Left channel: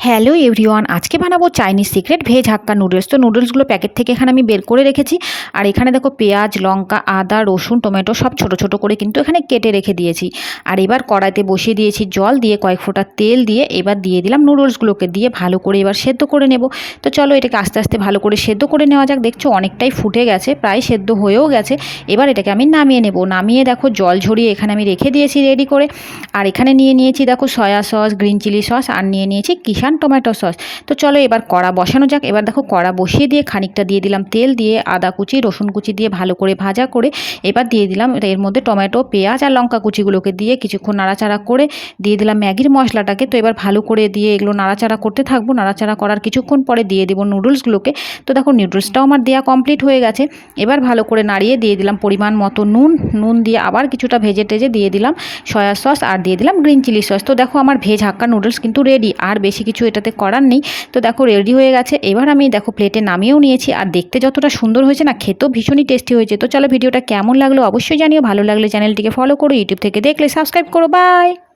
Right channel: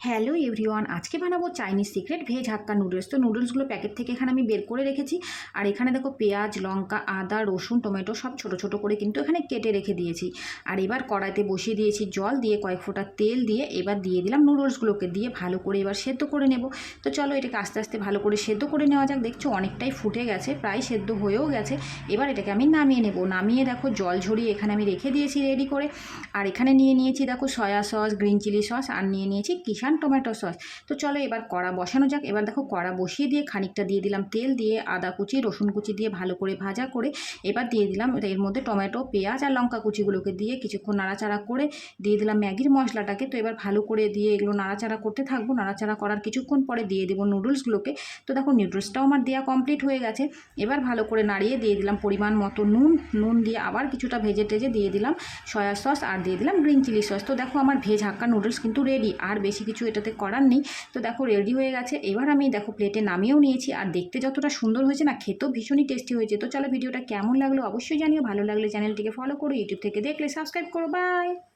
Hello everyone, আজকে বানাবো Chinese secret veg hakka noodles. তো নুডলসগুলো প্যাকেট থেকে এখানে আমি বের করে রেখেছি। আর এখানে দেখো পেঁয়াজ, লঙ্কা, আদা, রসুন, টমেটো সব ছোট ছোট করে কিন্তু এখানে কেটে রেখে দিয়েছি। আর এবার কড়াইতে বসিয়ে দিয়েছি জল দিয়ে, কয়েক ফোঁটা তেল দিয়ে এবার দিয়ে দিলাম নুডলসগুলোকে, দিয়ে ভালো করে এবার সেদ্ধ করে নেব। তো চলো এটাকে আস্তে আস্তে ভালো করে সেদ্ধ করে নেওয়া যাক। দেখছো অনেকটাই ফুটে গেছে, প্রায় সেদ্ধ হয়েও গেছে। এবার এটাকে আমি নামিয়ে নেব। নামিয়ে দেখো জল ঝরিয়ে এখানে আমি রেখে দিয়েছি রেডি করে। আর এখানে নিয়ে নিয়েছি দেখো soya sauce, green chilli sauce, আর নিয়ে নিয়েছি কিষান টমেটো সস। তো চলো এবার কড়া বসানো যাক। এবার দেখো কড়া বসিয়ে দিয়ে খানিকটা দিয়ে দিলাম তেল, দিয়ে আদা কুচি, রসুন কুচি দিয়ে ভালো করে ভাজা করে এবার দিয়ে দিলাম এর মধ্যে টমেটো, পেঁয়াজ আর লঙ্কা কুচিগুলোকে দিয়ে কিছুক্ষণ নাড়াচাড়া করে দিয়ে দিলাম ম্যাগির মশলাটাকে। তো এবার ভালো করে দিয়ে এগুলো নাড়াচাড়া করতে থাকবো। নাড়াচাড়া করার কিছুক্ষণ পরে দিয়ে দেবো নুডলসগুলোকে। তো দেখো নুডলসটাও আমার দেওয়া কমপ্লিট হয়ে গেছে। এবার ভালো করে নাড়িয়ে দিয়ে দিলাম পরিমাণ মতো নুন দিয়ে আবার কিছুটা ভেজে টেজে দিয়ে দিলাম সয়া সস, আর দিয়ে দিলাম গ্রিন চিলি সস। তো দেখো আমার ভেজ হাক্কা নুডলস কিন্তু রেডি, আর বেশি কিছু এটাতে করার নেই। তো দেখো রেডি হয়ে গেছে। এবার আমি দেখো প্লেটে নামিয়েও নিয়েছি। আর দেখতে যতটা সুন্দর হয়েছে না, খেতেও ভীষণই টেস্টি হয়েছে। তো চলো ভিডিওটা কেমন লাগলো অবশ্যই জানিও। ভালো লাগলে চ্যানেলটিকে ফলো করো, ইউটিউব থেকে দেখলে সাবস্ক্রাইব করো। বাই।